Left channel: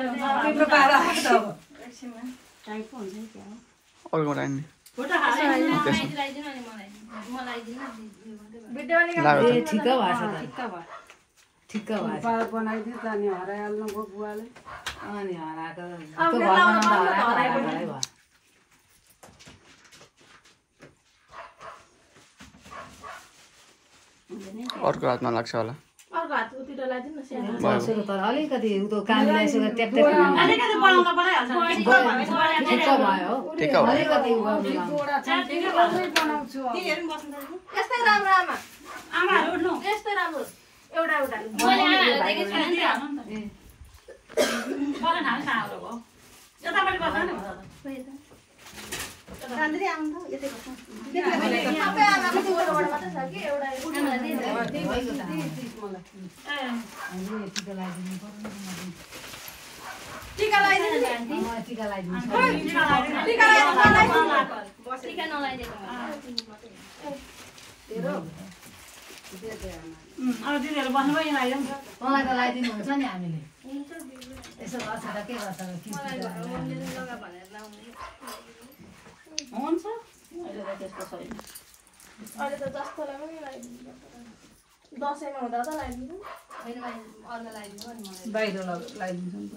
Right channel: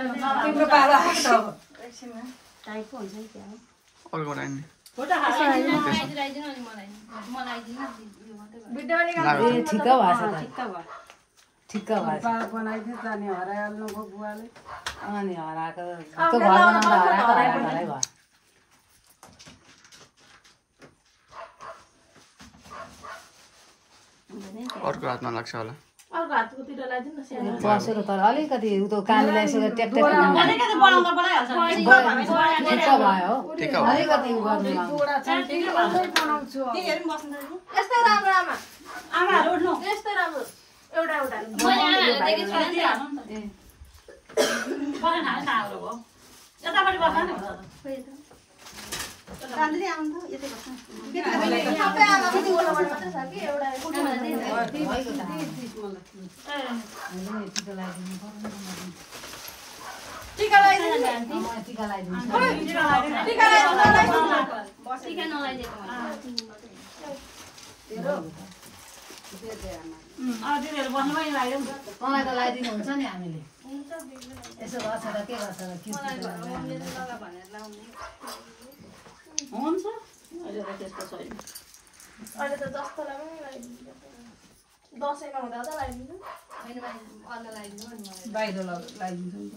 तिम्रो पारा आएको अब टाइपको हुन्छ नि क्या अर्को रानी ठिक्क भएछ ठिक्क भएछ बनाइदियो त अनि हराइहाल्नु भयो बुवाले अनि हराएको त्यो घर बनाउँदा हराएको भयो अर्को हातमा लाग्छ होला सुरु त अलिकति उ त कानलाई यसो टेक टेक ठिक हो अलिकति उ गर्नु दुवटा छ त्यो गर्दै बनाउँछु अब यस्तो राम्रो आमा आमाहरु उठ्नु यस्तो राम्रो एउटा एउटा बना हाल सारो हो यतापटि बस्न न कान्द्री आउनु त यतै बस्न सबै आमा दुवटाबाट बस्न सक्यो एउटा टीका लगाइदिनु टीका लगाइदिनु टीका नलाइदिएको दिदीहरु बस्नु पनि लगाइदिउँ मलाई त लगाइदिनु हुन्छ नि हामीले यसो गर्छ त के गर्छ हुन्छ अहिले त त्यस्तो छैन अहिले त जस्तो दसैँमा हुँदा त लगाइदिनु अन्त लगाइदिनु नि मलाई बाहिर लगाइदिन्छ नि त